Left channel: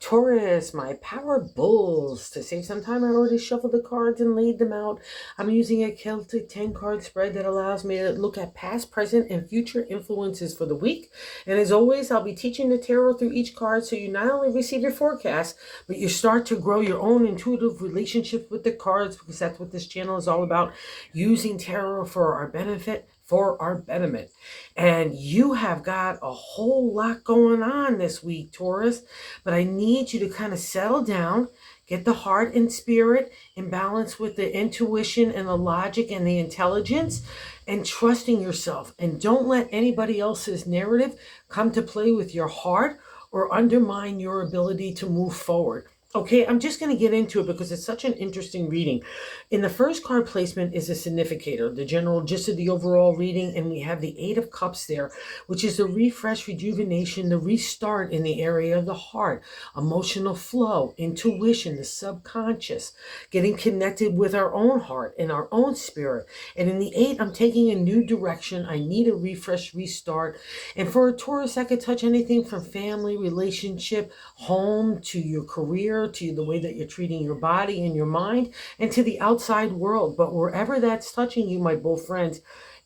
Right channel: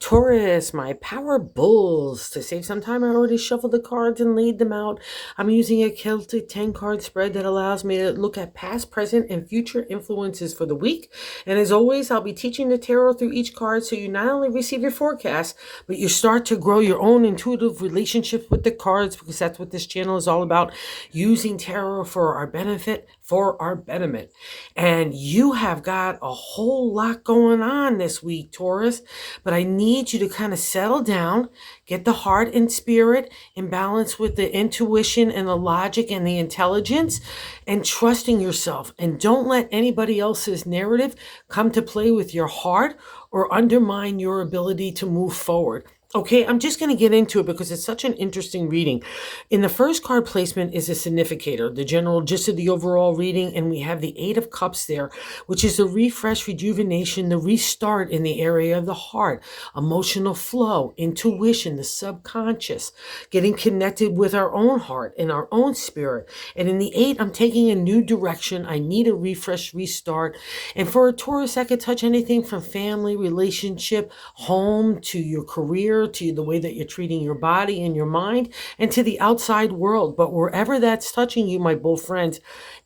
Taurus, my power bulls. To save some time, I already shuffled the cards and laid them out. I'm using a Celtic 10 card spread that allows me to look at past, present, and future influences for the week. And as always, I'll be teaching the tarot through each card so you not only receive your forecast, but you start to grow your own intuitive relationship with the cards, because that's what this channel is all about, using tarot for our benefit, for our betterment. And you have got a whole lot going on this week, Taurus, but I need you to kind of settle down, get the heart and spirit in balance with the intuition and the logic and the intelligence, and trusting yourself. And don't let anybody else's narrative come to play with your heart or undermine your ability to move forward. Okay, I'm just going to get into it because it's such an interesting reading. In the first card placement is a significator, the general gist of the overall reading, and we have the Eight of Cups there, which is a refresh, rejuvenation, the restart in the area of the heart, emotional flow, intuition, the subconscious, getting connected with our own heart and our own spirit. And in the Eight, I'm taking a new direction. I need a refresh, restart. And for a Taurus, that could touch anything from family, relationship, home, to your career, to the way that you're treating your body and your mind, and to the outside world. But wherever that's touching you, my bull friends,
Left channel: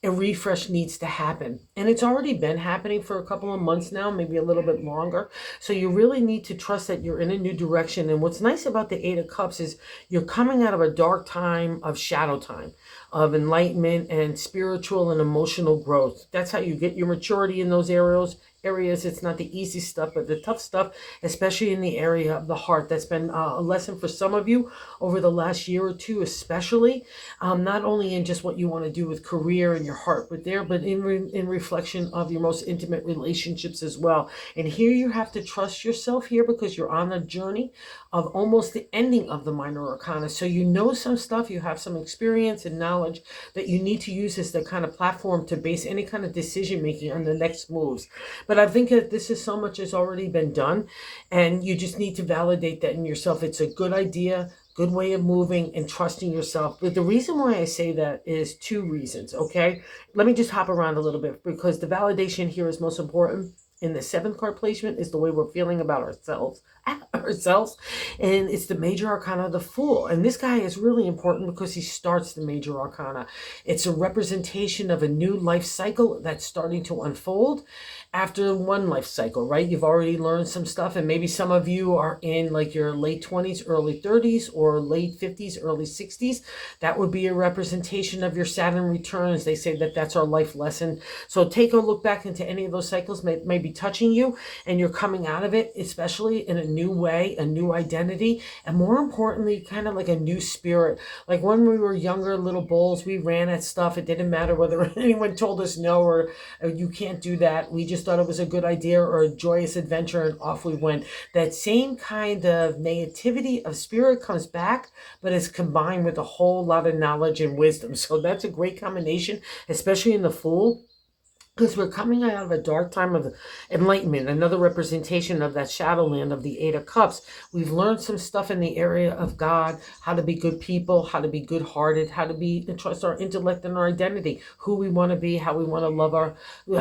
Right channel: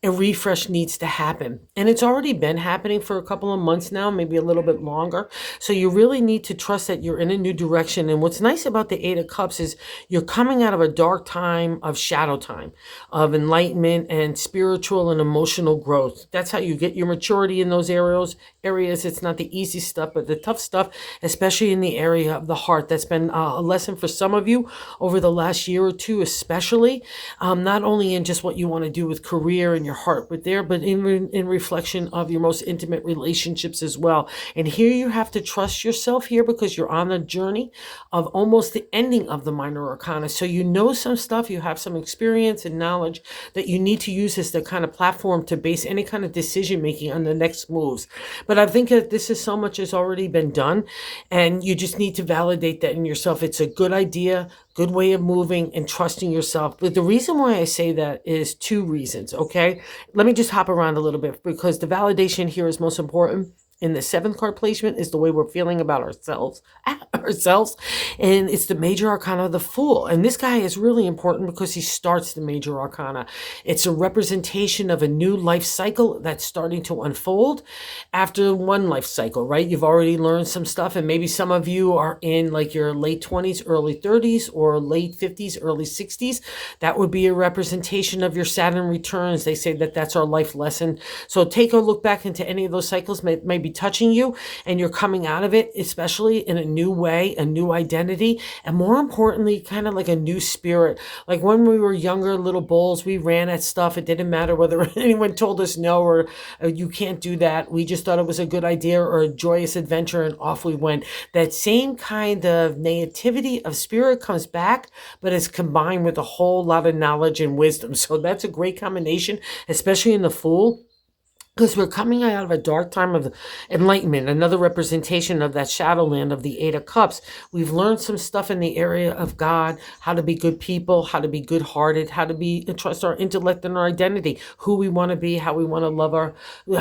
a refresh needs to happen. And it's already been happening for a couple of months now, maybe a little bit longer. So you really need to trust that you're in a new direction. And what's nice about the Eight of Cups is you're coming out of a dark time of shadow time, of enlightenment and spiritual and emotional growth. That's how you get your maturity in those areas. It's not the easy stuff, but the tough stuff, especially in the area of the heart. That's been a lesson for some of you over the last year or two, especially, not only in just what you want to do with career and your heart, but in reflection of your most intimate relationships as well. And here you have to trust yourself here, because you're on a journey of almost the ending of the minor arcana. So you know some stuff, you have some experience and knowledge that you need to use as the kind of platform to base any kind of decision making on the next moves. But I think that this is so much has already been done, and you just need to validate that in yourself. It's a good idea, good way of moving, and trusting yourself. But the reason why I say that is two reasons, okay? Let me just hop around a little bit, because the validation here is most important. In the seventh card placement is the way we're feeling about ourselves, and it's the major arcana of the Fool. And this guy is really important because he starts the major arcana. It's a representation of a new life cycle that's starting to unfold after one life cycle, right? You've already learned some stuff, and maybe some of you are in like your late 20s, early 30s, or late 50s, early 60s. That would be a representation of your Saturn returns. They say that that's our life lesson. So take a look back into any of those cycles, may be touching you, and you're coming out of it, especially in a new way, a new identity, and more importantly, kind of like a new spirit. Like when we were younger little bulls, we ran at stuff. It didn't matter whether anyone told us no, or you can't do that. We just thought it was a good idea or a joyous adventure, and off we went. That same kind of naivety of spirit comes back, but it's combined with a whole lot of knowledge and wisdom. So that's a great combination, especially in the Fool, because we're coming out of a dark time of enlightenment, another representation of that shadowland of the Eight of Cups. We've learned some stuff in the area of God, how to be good people, how to be good-hearted, how to trust our intellect and our identity, who we want to be, how we want to love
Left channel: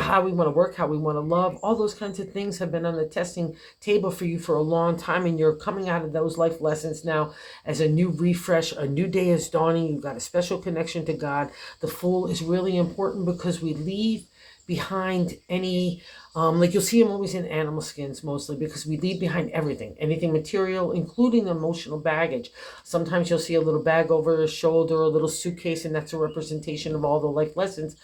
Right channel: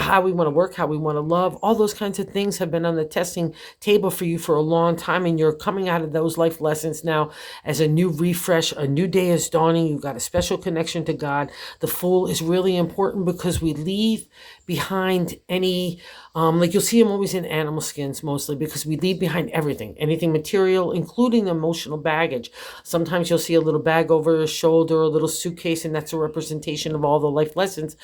how we want to work, how we want to love. All those kinds of things have been on the testing table for you for a long time, and you're coming out of those life lessons now as a new refresh. A new day is dawning. You've got a special connection to God. The Fool is really important because we leave behind any like you'll see them always in animal skins, mostly because we leave behind anything material, including emotional baggage. Sometimes you'll see a little bag over a shoulder, a little suitcase, and that's a representation of all the life lessons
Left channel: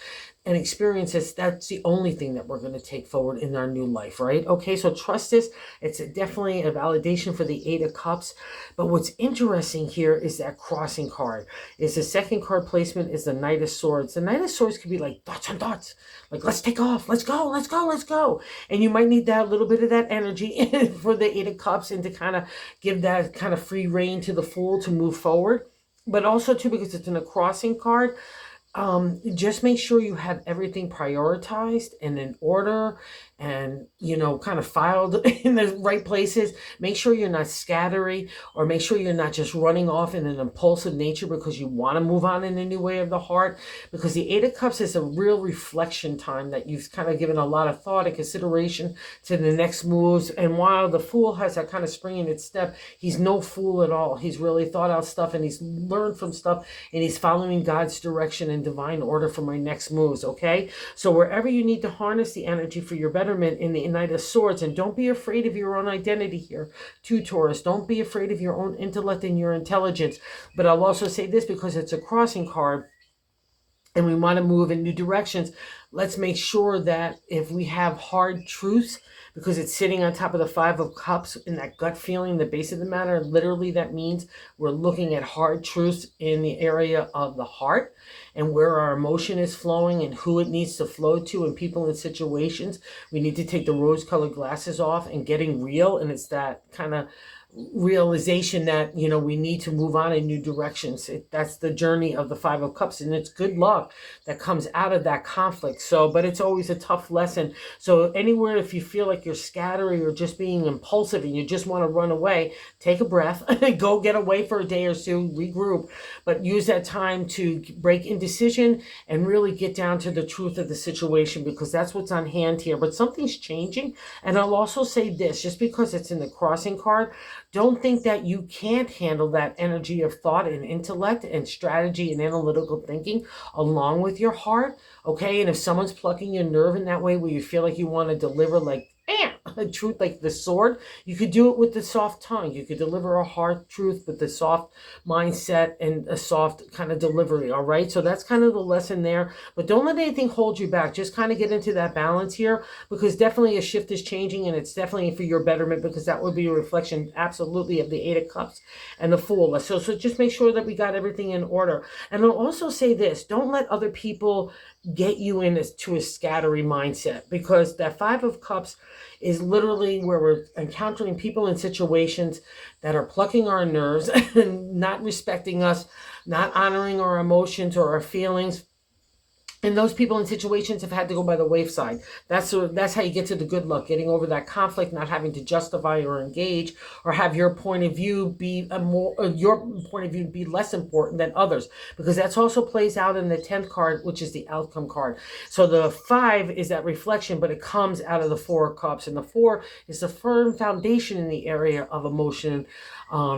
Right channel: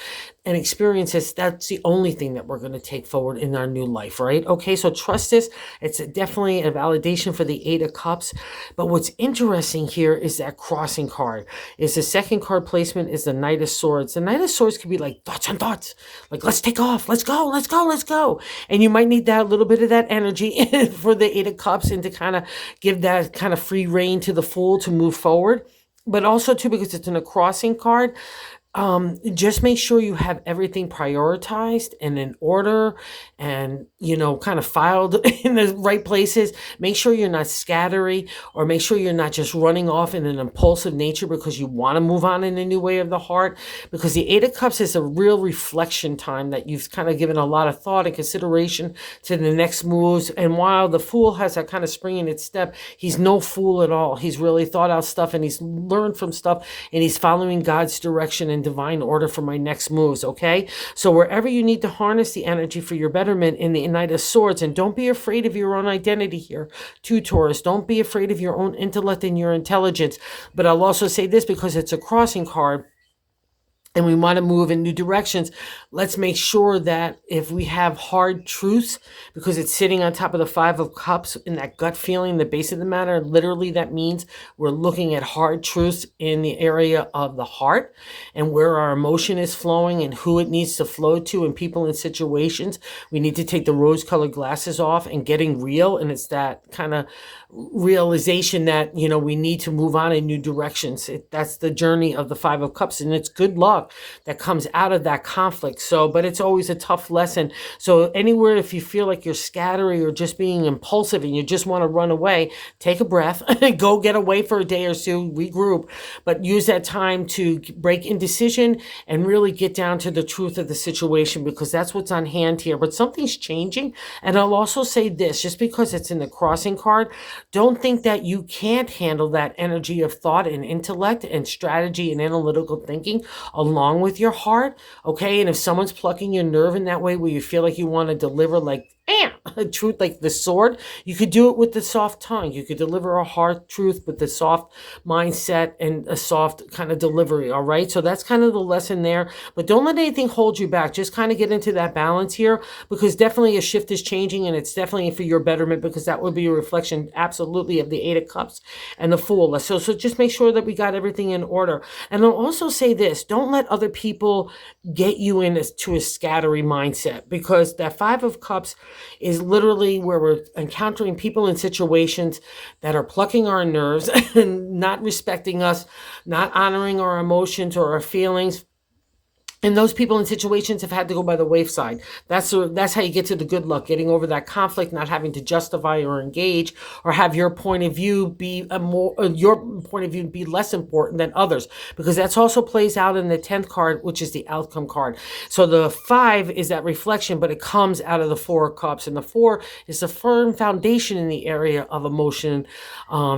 and experiences. That's the only thing that we're going to take forward in our new life, right? Okay, so trust this. It's definitely a validation for the Eight of Cups. But what's interesting here is that crossing card. Is the second card placement is the Knight of Swords. The Knight of Swords could be like thoughts on thoughts, like let's take off, let's go, let's go, let's go. And you might need that, a little bit of that energy for the Eight of Cups, and to kind of give that kind of free rein to the Fool to move forward. But also too, because it's in a crossing card, just make sure you have everything prioritized and in order, and, kind of filed in the right places. Make sure you're not scattery, or make sure you're not just running off in an impulsive nature because you want to move on in a new way of the heart. Because the Eight of Cups is a real reflection time that you've kind of given a lot of thought and consideration to the next moves. And while the Fool has that kind of spring in its step, he's no fool at all. He's really thought out stuff, and he's learned from stuff, and he's following God's direction and divine order for my next moves. Okay, so wherever you need to harness the energy for your betterment in the Knight of Swords, and don't be afraid of your own identity here too, Taurus. Don't be afraid of your own intellect and your intelligence. But I'll also say this, because it's a crossing card and we want to move in new directions, let's make sure that if we have hard truths, because it's sitting on top of the Five of Cups in that gut feeling, the base of the matter, literally that means we're looking at hard truths in the area of the heart and where our emotion is flowing and who it needs to flow to, and people and situations. We need to take the rose-colored glasses off and getting real, and it's that kind of realization that we need to move on in new directions. That's the journey of the Five of Cups, and it's good luck that comes out of that conflict. So, but it's always a tough lesson. So anywhere, if you feel like you're scattering or just being impulsive and you just want to run away, take a breath, go get away for a day or two, regroup, but use that time to break indecision and really get down to the truth of the situation, because that's what's on hand here. But something's changing. And I'll also say this, just because it's in the crossing card, don't think that you can't handle that energy of thought and intellect and strategy and analytical thinking along with your heart, okay? And if someone's plucking your nerve in that way where you feel like you want to deliver like a truth like the sword, you could do it with the soft tongue. You could deliver a hard truth with the soft mindset and a soft kind of delivery, all right? So that's kind of the lesson there. But don't let anything hold you back. Just kind of get into that balance here, because definitely a shift is changing, and it's definitely for your betterment, because that would be a reflection absolutely of the Eight of Cups and the Fool. So just make sure that we got everything in order. And I'll also say this, don't let other people get you into a scattery mindset, because that Five of Cups is literally where we're encountering people and situations that are plucking our nerves and not respecting us, not honoring our emotions or our feelings. And those people and situations have had to go by the wayside. That's how you get to the good luck, getting over that conflict, not having to justify or engage or have your point of view be less important than others, because that's also plays out in the 10th card, which is the outcome card. So the 5 is that reflection, but it comes out of the 4 of Cups, and the 4 is the firm foundation in the area of emotion,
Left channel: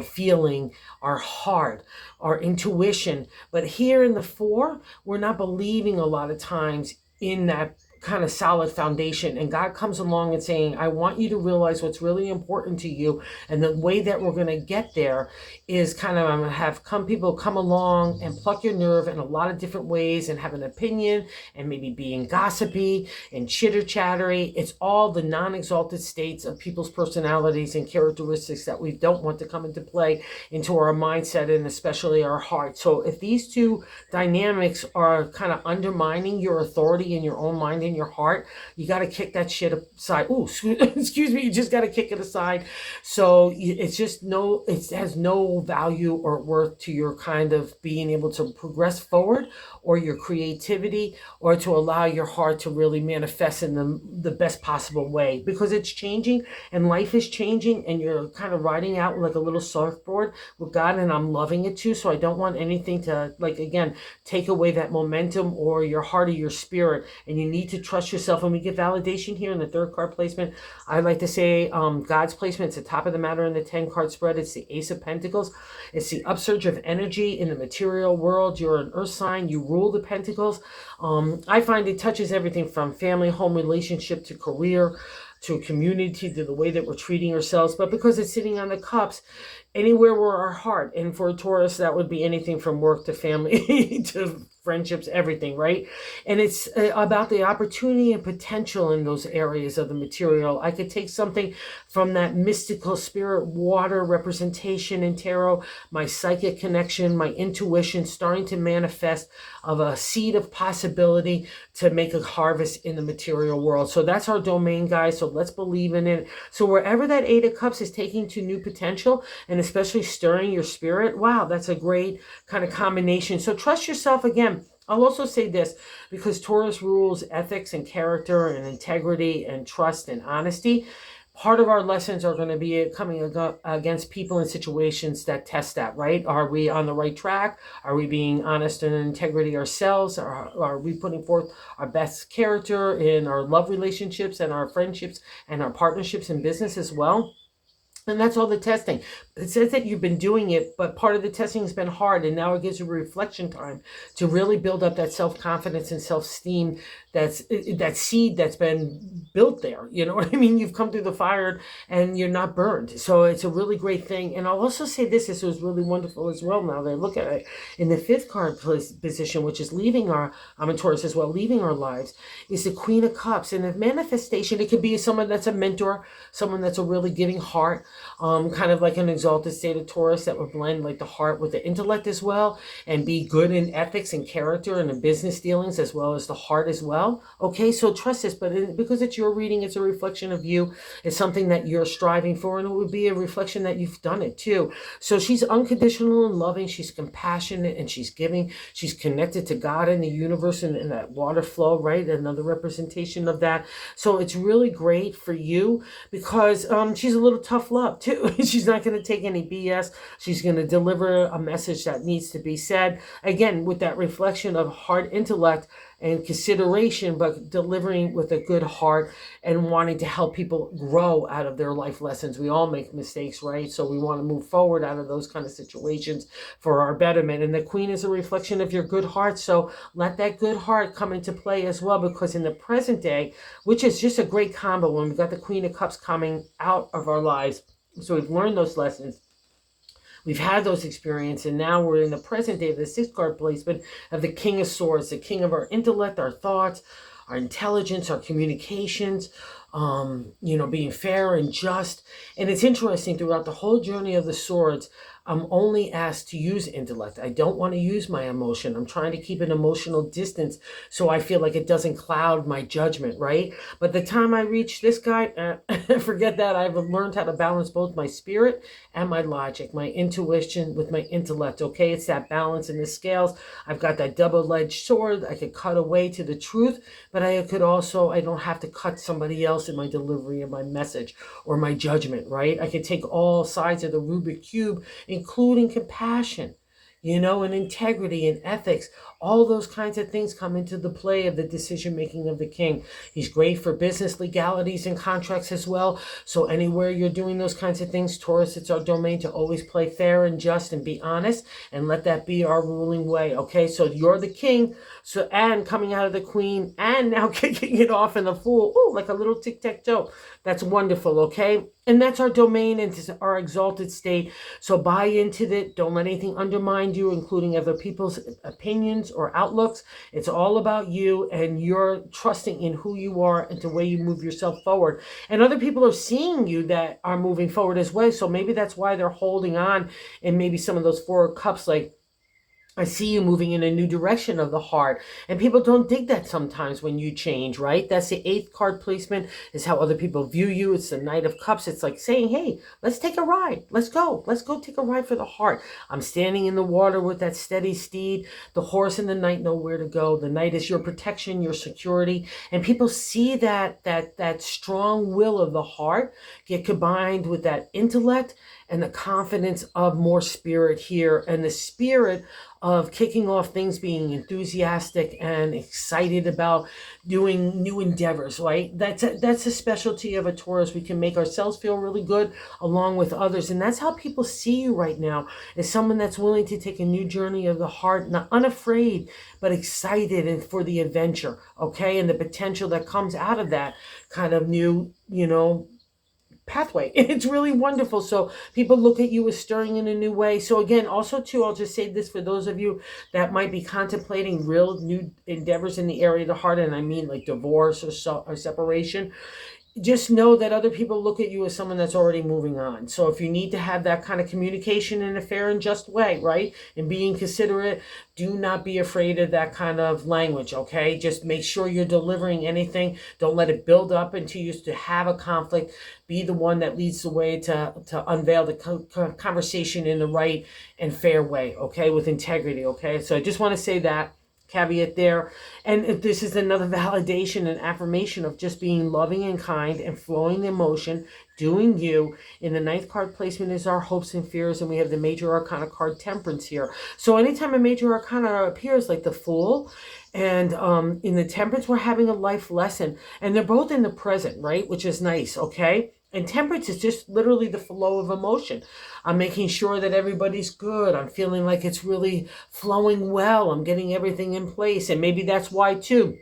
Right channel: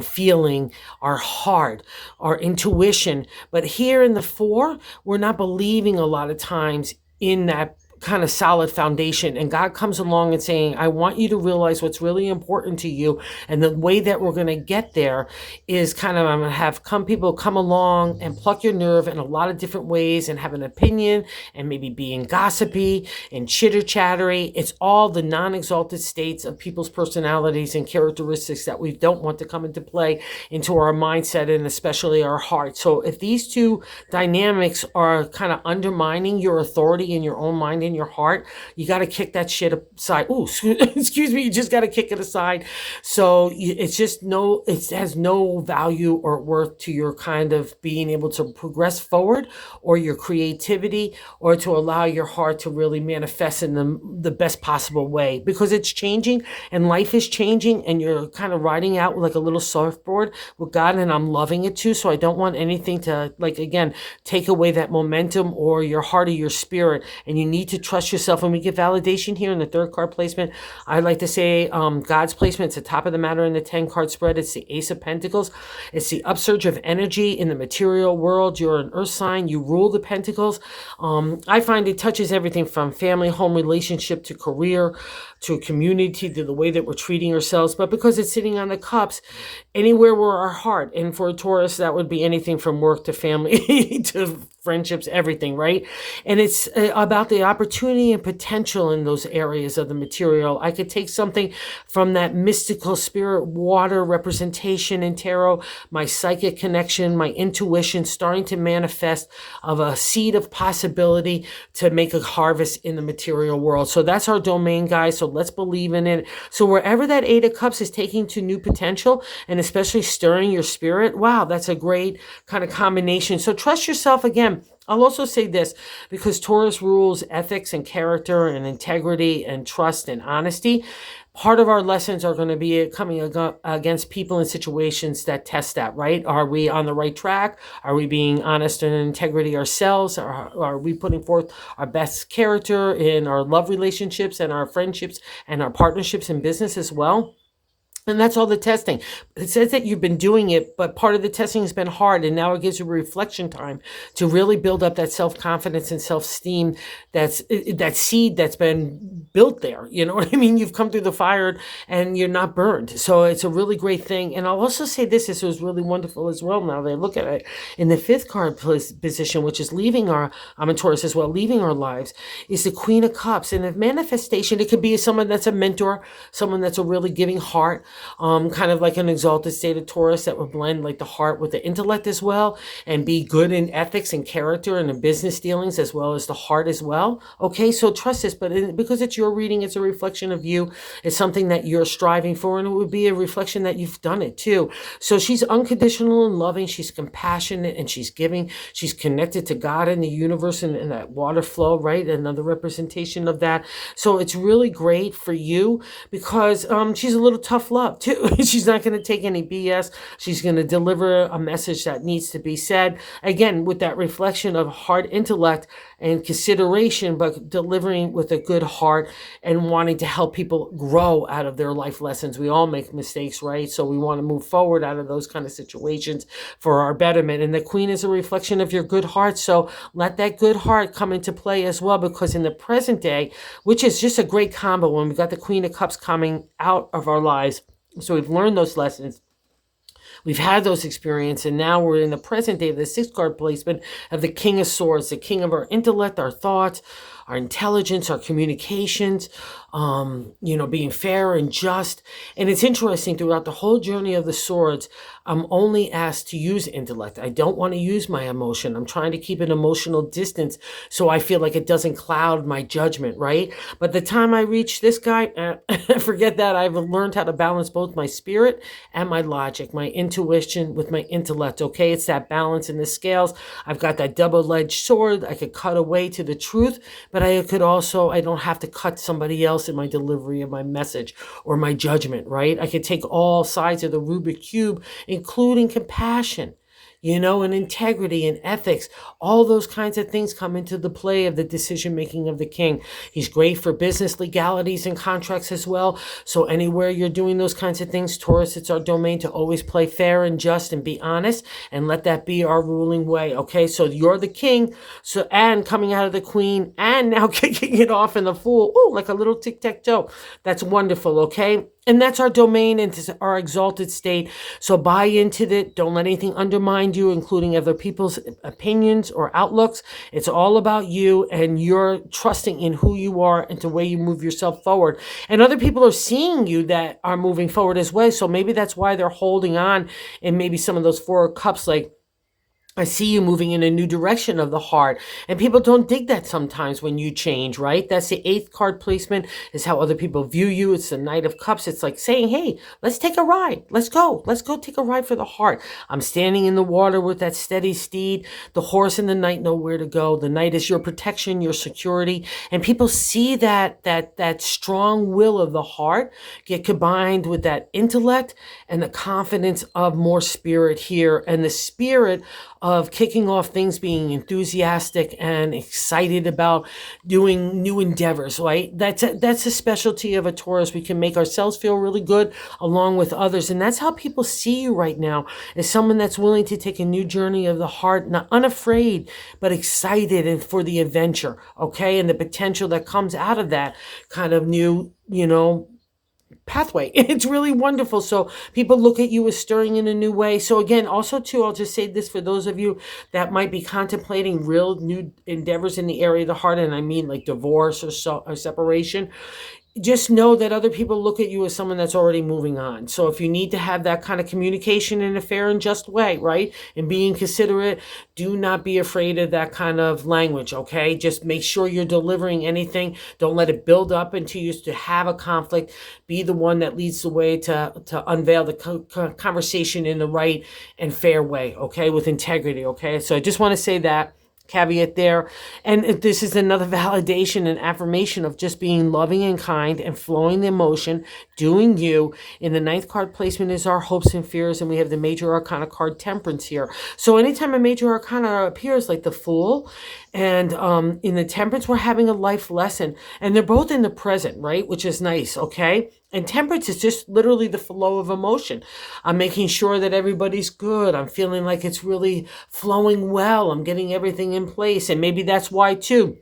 feeling, our heart, our intuition. But here in the 4, we're not believing a lot of times in that kind of solid foundation, and God comes along and saying, I want you to realize what's really important to you, and the way that we're going to get there is kind of, I'm going to have people come along and pluck your nerve in a lot of different ways and have an opinion and maybe being gossipy and chitter-chattery. It's all the non-exalted states of people's personalities and characteristics that we don't want to come into play into our mindset and especially our heart. So if these two dynamics are kind of undermining your authority in your own mind, in your heart, you got to kick that shit aside. Oh, excuse me, you just got to kick it aside. So it's just it has no value or worth to your kind of being able to progress forward, or your creativity, or to allow your heart to really manifest in the best possible way, because it's changing and life is changing, and you're kind of riding out like a little surfboard with God, and I'm loving it too. So I don't want anything to, like, again, take away that momentum or your heart or your spirit, and you need to trust yourself. When we get validation here in the 3rd card placement, I like to say God's placement, it's the top of the matter in the 10 card spread. It's the Ace of Pentacles. It's the upsurge of energy in the material world. You're an earth sign. You rule the Pentacles. I find it touches everything from family, home, relationship, to career, to community, to the way that we're treating ourselves. But because it's sitting on the Cups, anywhere where our heart, and for a Taurus, that would be anything from work to family to friendships, everything, right? And it's about the opportunity and potential in those areas of the material. I could take something from that mystical spirit water representation in tarot, my psychic connection, my intuition starting to manifest of a seed of possibility to make a harvest in the material world. So that's our domain, guys. So let's believe in it. So wherever that 8 of Cups is taking to new potential, and especially stirring your spirit, wow, that's a great kind of combination. So trust yourself again. I'll also say this, because Taurus rules ethics and character and integrity and trust and honesty. Part of our lessons are going to be coming against people and situations that test that, right? Are we on the right track? Are we being honest and integrity ourselves? Are we putting forth our best character in our love relationships and our friendships and our partnerships in business as well? And that's all the testing. It says that you've been doing it, but part of the testing has been hard. And now it gives you reflection time to really build up that self-confidence and self-esteem. That seed that's been built there. You know what I mean? You've come through the fire and you're not burned. So it's a really great thing. And I'll also say this was really wonderful as well. Now that I look at it, in the fifth card position, which is leaving I'm in Taurus as well, leaving our lives, is the Queen of Cups. And the manifestation, it could be someone that's a mentor, someone that's a really giving heart, kind of like an exalted state of Taurus that would blend like the heart with the intellect as well, and be good in ethics and character and in business dealings as well as the heart as well. Okay, so trust this, but because it's your reading, it's a reflection of you. It's something that you're striving for, and it would be a reflection that you've done it too. So she's unconditional and loving. She's compassionate and she's giving. She's connected to God and the universe and that water flow, right? Another representation of that. So it's really great for you because she's a little tough love too. She's not going to take any BS. She's going to deliver a message that needs to be said. Again, with that reflection of heart, intellect, and consideration, but delivering with a good heart and wanting to help people grow out of their life lessons. We all make mistakes, right? So we want to move forward out of those kind of situations for our betterment. And the Queen is a reflection of your good heart. So let that good heart come into play as well, because in the present day, which is just a great combo when we've got the Queen of Cups coming out of our lives. So we've learned those lessons. We've had those experiences, and now we're in the present day of the sixth card placement of the King of Swords, the king of our intellect, our thoughts, our intelligence, our communications, being fair and just. And it's interesting, throughout the whole journey of the swords, I'm only asked to use intellect. I don't want to use my emotion. I'm trying to keep an emotional distance so I feel like it doesn't cloud my judgment, right? But the time I reach this guy, forget that. I've learned how to balance both my spirit and my logic, my intuition with my intellect, okay? It's that balance in the scales. I've got that double-edged sword. I could cut away to the truth, but I don't have to cut somebody else in my delivery of my message or my judgment, right? I could take all sides of the Rubik Cube, including compassion, and integrity and ethics. All those kinds of things come into the play of the decision making of the king. He's great for business legalities and contracts as well. So anywhere you're doing those kinds of things, Taurus, it's our domain to always play fair and just and be honest, and let that be our ruling way. Okay, so you're the king, so, and coming out of the Queen, and now kicking it off in the Fool. Oh, like a little tic-tac-toe. That's wonderful. Okay, and that's our domain and our exalted state. So buy into it. Don't let anything undermine you, including other people's opinions or outlooks. It's all about you, and you're trusting in who you are and the way you move yourself forward. And other people are seeing you that are moving forward as well. So maybe that's why they're holding on. And maybe some of those Four of Cups, like, I see you moving in a new direction of the heart. And people don't dig that sometimes when you change, right? That's the eighth card placement, is how other people view you. It's the Knight of Cups. It's like saying, hey, let's take a ride. Let's go. Let's go take a ride for the heart. I'm standing in the water with that steady steed. The horse and the knight know where to go. The knight is your protection, your security. And people see that strong will of the heart get combined with that intellect and the confidence of more spirit here. And the spirit of kicking off things, being enthusiastic and excited about doing new endeavors, right? That's a specialty of a Taurus. We can make ourselves feel really good along with others. And that's how people see you right now, as someone that's willing to take a new journey of the heart, not unafraid, but excited and for the adventure, okay? And the potential that comes out of that kind of new, pathway. It's really wonderful. So people look at you as stirring in a new way. So again, also too, I'll just say this for those of you that might be contemplating real new endeavors in the area of the heart, and I mean like divorce or separation. Just know that other people look at you as someone that's already moving on. So if you need to have that kind of communication in a fair and just way, right, and being considerate, do not be afraid of that kind of language, okay? Just make sure you're delivering anything. Don't let it build up into you to have a conflict. Be the one that leads the way to unveil the conversation in the right and fair way, okay, with integrity, okay? So I just want to say that, caveat there. And this is another validation and affirmation of just being loving and kind and flowing the emotion, doing you. In the ninth card placement is our hopes and fears, and we have the major arcana card Temperance here. So anytime a major arcana appears, like the Fool and in the Temperance, we're having a life lesson, and they're both in the present, right, which is nice. Okay. And Temperance is just literally the flow of emotion. I'm making sure that everybody's good. I'm feeling like it's really flowing well. I'm getting everything in place. And maybe that's why too,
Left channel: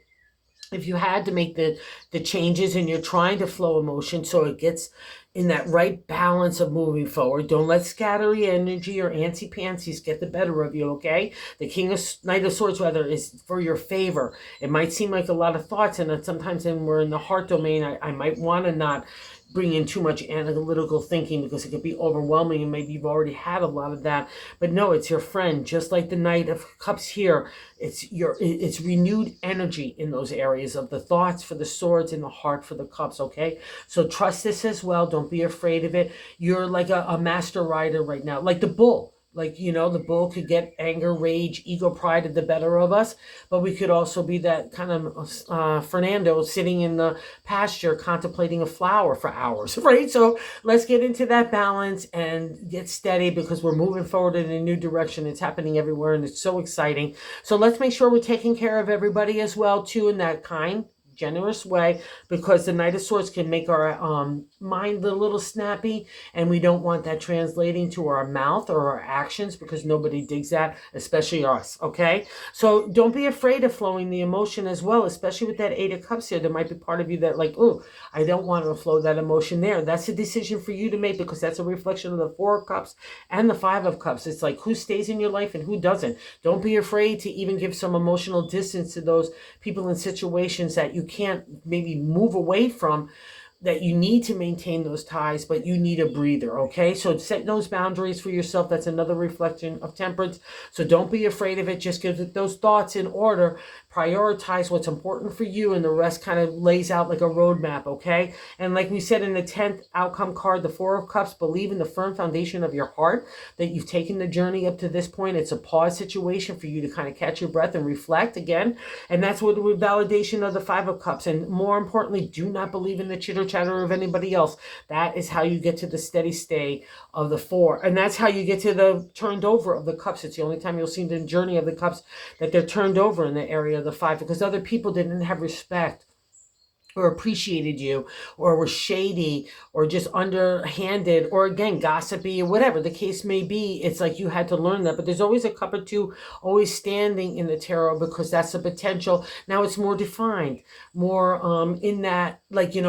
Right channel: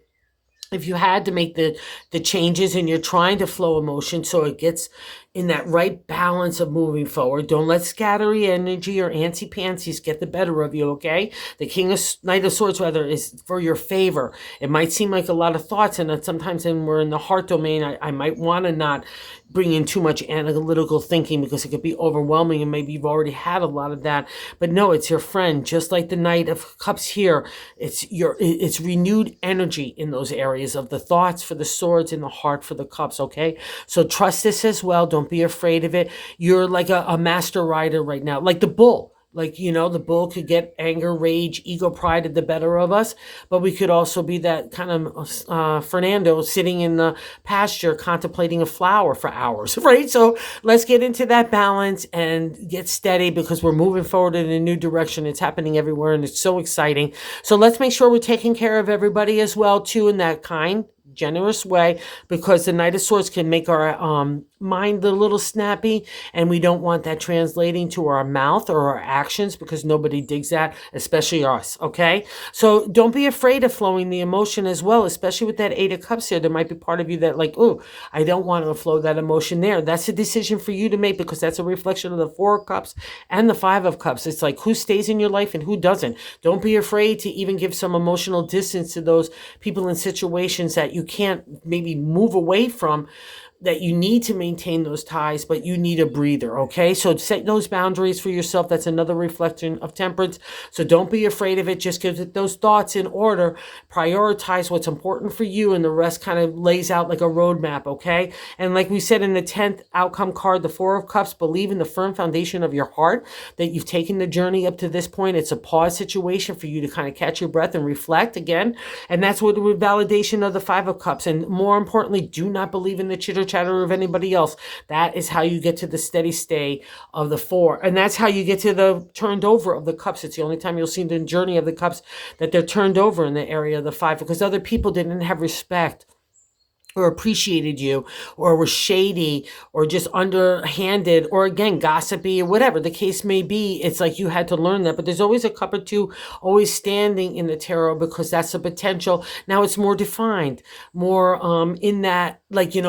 if you had to make the changes and you're trying to flow emotion so it gets in that right balance of moving forward, don't let scattery energy or antsy pantsies get the better of you. Okay, the Knight of Swords rather is for your favor. It might seem like a lot of thoughts, and sometimes when we're in the heart domain, I might want to not bring in too much analytical thinking because it could be overwhelming, and maybe you've already had a lot of that. But no, it's your friend. Just like the Knight of Cups here, it's renewed energy in those areas of the thoughts for the swords and the heart for the cups. Okay, so trust this as well. Don't be afraid of it. You're like a master rider right now, like the bull. Like, the bull could get anger, rage, ego, pride at the better of us, but we could also be that kind of Fernando sitting in the pasture contemplating a flower for hours, right? So let's get into that balance and get steady, because we're moving forward in a new direction. It's happening everywhere, and it's so exciting. So let's make sure we're taking care of everybody as well, too, in that kind, generous way, because the Knight of Swords can make our mind a little snappy, and we don't want that translating to our mouth or our actions, because nobody digs that, especially us. Okay, so don't be afraid of flowing the emotion as well, especially with that Eight of Cups here. There might be part of you that like, oh, I don't want to flow that emotion there. That's a decision for you to make, because that's a reflection of the Four of Cups and the Five of Cups. It's like who stays in your life and who doesn't. Don't be afraid to even give some emotional distance to those people and situations that you can't maybe move away from, that you need to maintain those ties, but you need a breather. Okay, so set those boundaries for yourself. That's another reflection of Temperance. So don't be afraid of it. Just get those thoughts in order, prioritize what's important for you, and the rest kind of lays out like a roadmap. Okay, and like we said in the 10th outcome card, the Four of Cups, believe in the firm foundation of your heart that you've taken the journey up to this point. It's a pause situation for you to kind of catch your breath and reflect again, and that's what the validation of the Five of Cups. And more importantly, do not believe in the chitter chatter of anybody else. That is how you get to the steady stay of the Four, and that's how you get to the turned over of the Cups. It's the only time you'll see the journey of the Cups that they're turned over in the area of the Five, because other people didn't have respect or appreciated you, or were shady, or just underhanded, or again gossipy, or whatever the case may be. It's like you had to learn that. But there's always a cup or two always standing in the tarot, because that's a potential. Now it's more defined, more in that, like, in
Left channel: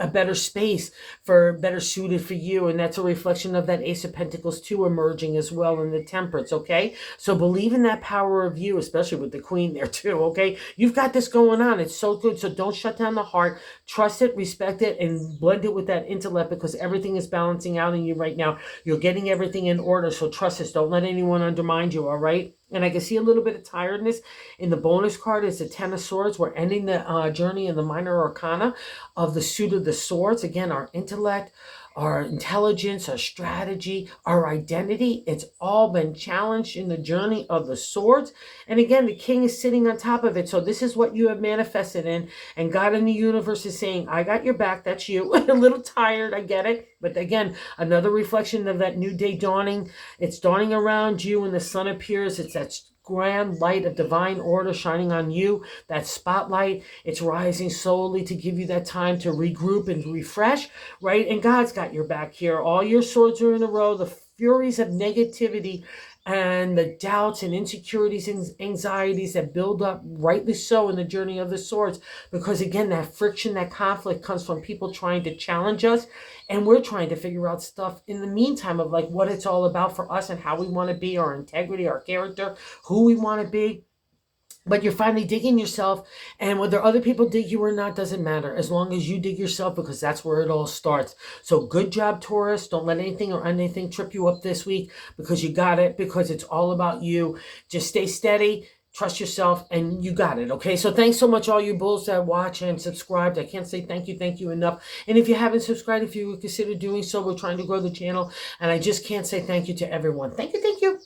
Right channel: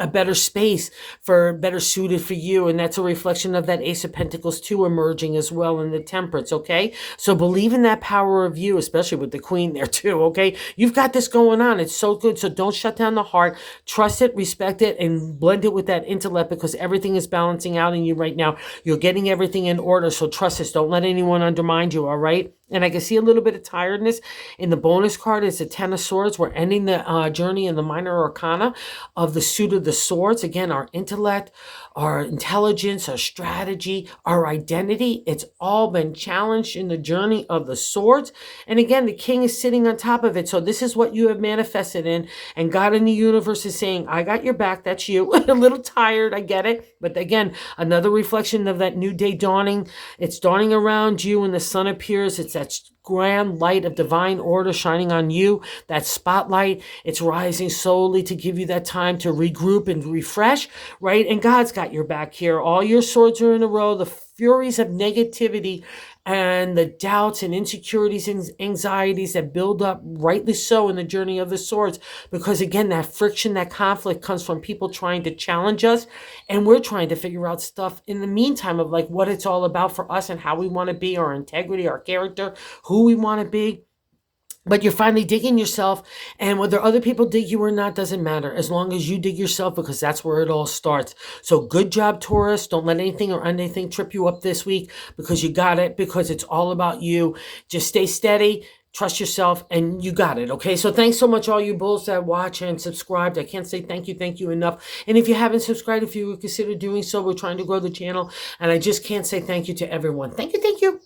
a better space, for better suited for you. And that's a reflection of that Ace of Pentacles too, emerging as well in the Temperance. Okay, so believe in that power of you, especially with the Queen there too. Okay, you've got this going on. It's so good. So don't shut down the heart. Trust it, respect it, and blend it with that intellect, because everything is balancing out in you right now. You're getting everything in order. So trust this. Don't let anyone undermine you. All right. And I can see a little bit of tiredness in the bonus card. It's the Ten of Swords. We're ending the journey in the minor arcana of the suit of the swords. Again, our intellect, our intelligence, our strategy, our identity. It's all been challenged in the journey of the swords. And again, the King is sitting on top of it. So this is what you have manifested in. And God in the universe is saying, I got your back. That's you. A little tired. I get it. But again, another reflection of that new day dawning. It's dawning around you, and the sun appears. It's that grand light of divine order shining on you, that spotlight. It's rising slowly to give you that time to regroup and refresh, right? And God's got your back here. All your swords are in a row. The furies of negativity and the doubts and insecurities and anxieties that build up, rightly so, in the journey of the swords, because again, that friction, that conflict comes from people trying to challenge us, and we're trying to figure out stuff in the meantime of like what it's all about for us and how we want to be, our integrity, our character, who we want to be. But you're finally digging yourself, and whether other people dig you or not doesn't matter, as long as you dig yourself, because that's where it all starts. So good job, Taurus. Don't let anything or anything trip you up this week, because you got it, because it's all about you. Just stay steady, trust yourself, and you got it. Okay, so thanks so much, all you bulls that watch and subscribed. I can't say thank you enough. And if you haven't subscribed, if you would consider doing so, we're trying to grow the channel, and I just can't say thank you to everyone. Thank you.